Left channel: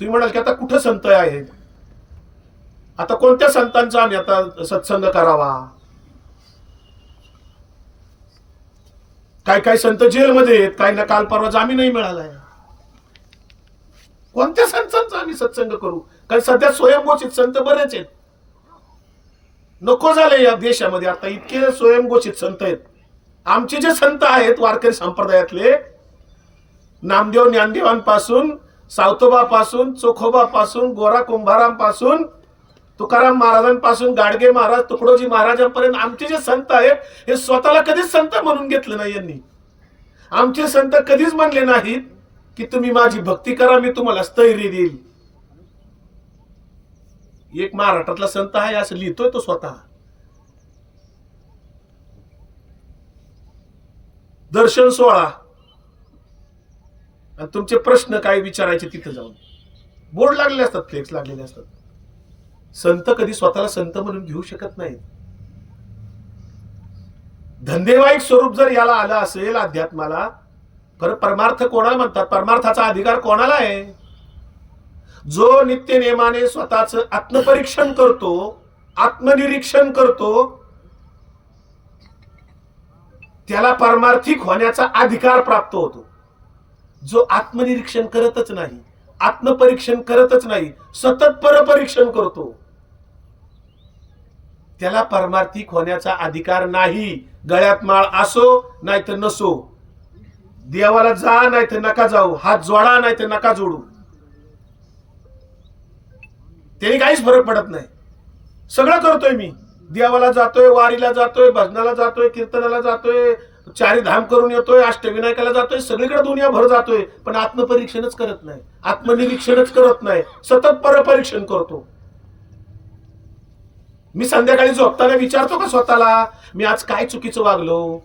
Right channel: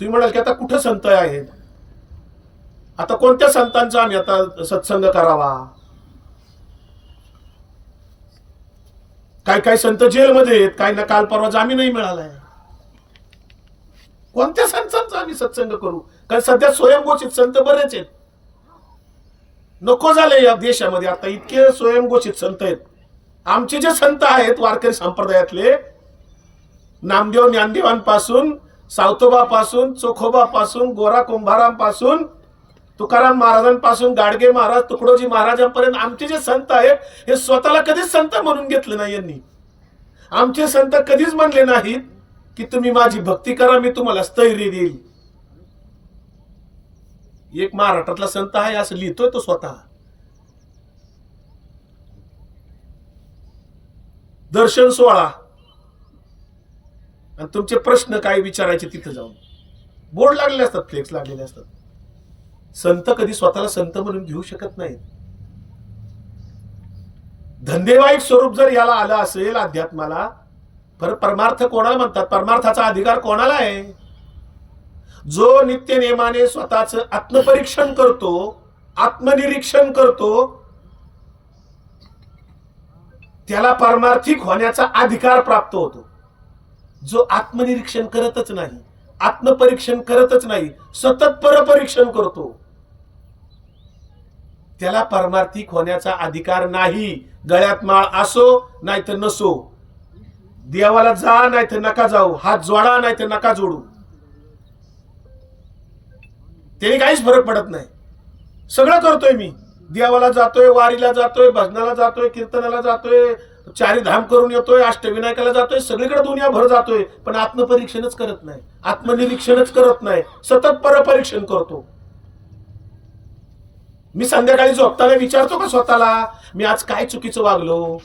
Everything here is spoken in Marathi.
तुम्ही म्हणाल की आता कुठं संत आहेत? आता कोणत्या संतांचा आम्ही आता सत्संग करावा? काय काय संत जेलमध्ये आहेत काही ना काल परवा जामीनही मिळालाय कोणत्या संतांचा आम्ही सत्संग करू? कारण सध्या स्वयंघोषित संत बरेच आहेत. नको झाले या देशामध्ये आता इतके स्वयंघोषित संत आहेत. आमचे जे संत आहेत वारकरी संप्रदायातले नामदेव ज्ञानदेवांपासून सावतोबापासून चोखोबापासून गोरा कुंभारांपासून तुकाराम महाराजांपासून गाडगे महाराज तुकडोजी महाराजांपर्यंत आमचे जे संत आहेत हे स्वतःला कधीच संत म्हणून घेतलं नाही यांनी. आमचे संत कधीच म्हणले नाहीत की तुम्ही माझी भक्ती करा मी तुम्हाला स्थैर्य देईल. एक महाराष्ट्रातला संत आहे असं लिहितोय तो स्वतः. दर्शन सोहळा. आणि तुमचे प्रश्न काय विचारायचे तिथं जाऊन. बोर्ड लागलेले असतात फ्लेक्स लागलेले असतात. संत कधी स्वतःला संत म्हणून घेऊ शकत नाहीत. धंदेवाईक स्वरूप जर याला आलं असेल अध्यात्माला पर परमार्थ कोणाला म्हणतात? परमार्थाचा अधिकार कोणाला आहे? जो नित्य नेमाने स्वतःच आत्मपरीक्षण करतो आत्मनिरीक्षण करतो त्याला परमार्थिक होण्याचा अधिकार प्राप्त होतो. जो आत्मनिरीक्षण करतच नाही आत्मपरीक्षण करतच नाही सतत परपरीक्षण करतो. त्याला परमार्थिक होण्याचा अधिकार नाही. गळ्यात माळ असो नाहीतर नसो. देवाला जा नाहीतर नका जाऊ. हात जोडा नाहीतर नका जोडू. त्याने काहीच फरक पडत नाही. सगळं करतोय मी. देवाला जातोय वारीला जातोय भजनाला जातोय कीर्तनाला जातोय चारी धाम करून येतोय अष्टविनायकाला जातोय सगळीकडे दुनिया भर जातोय पण आत्मपरीक्षणच करत नाही आत्मनिरीक्षणच करत नाही सतत परपरीक्षण करतो. मी संध्याकाळी झोपताना विचारतो का स्वतःला मी आज काय चुकीचं वागलो?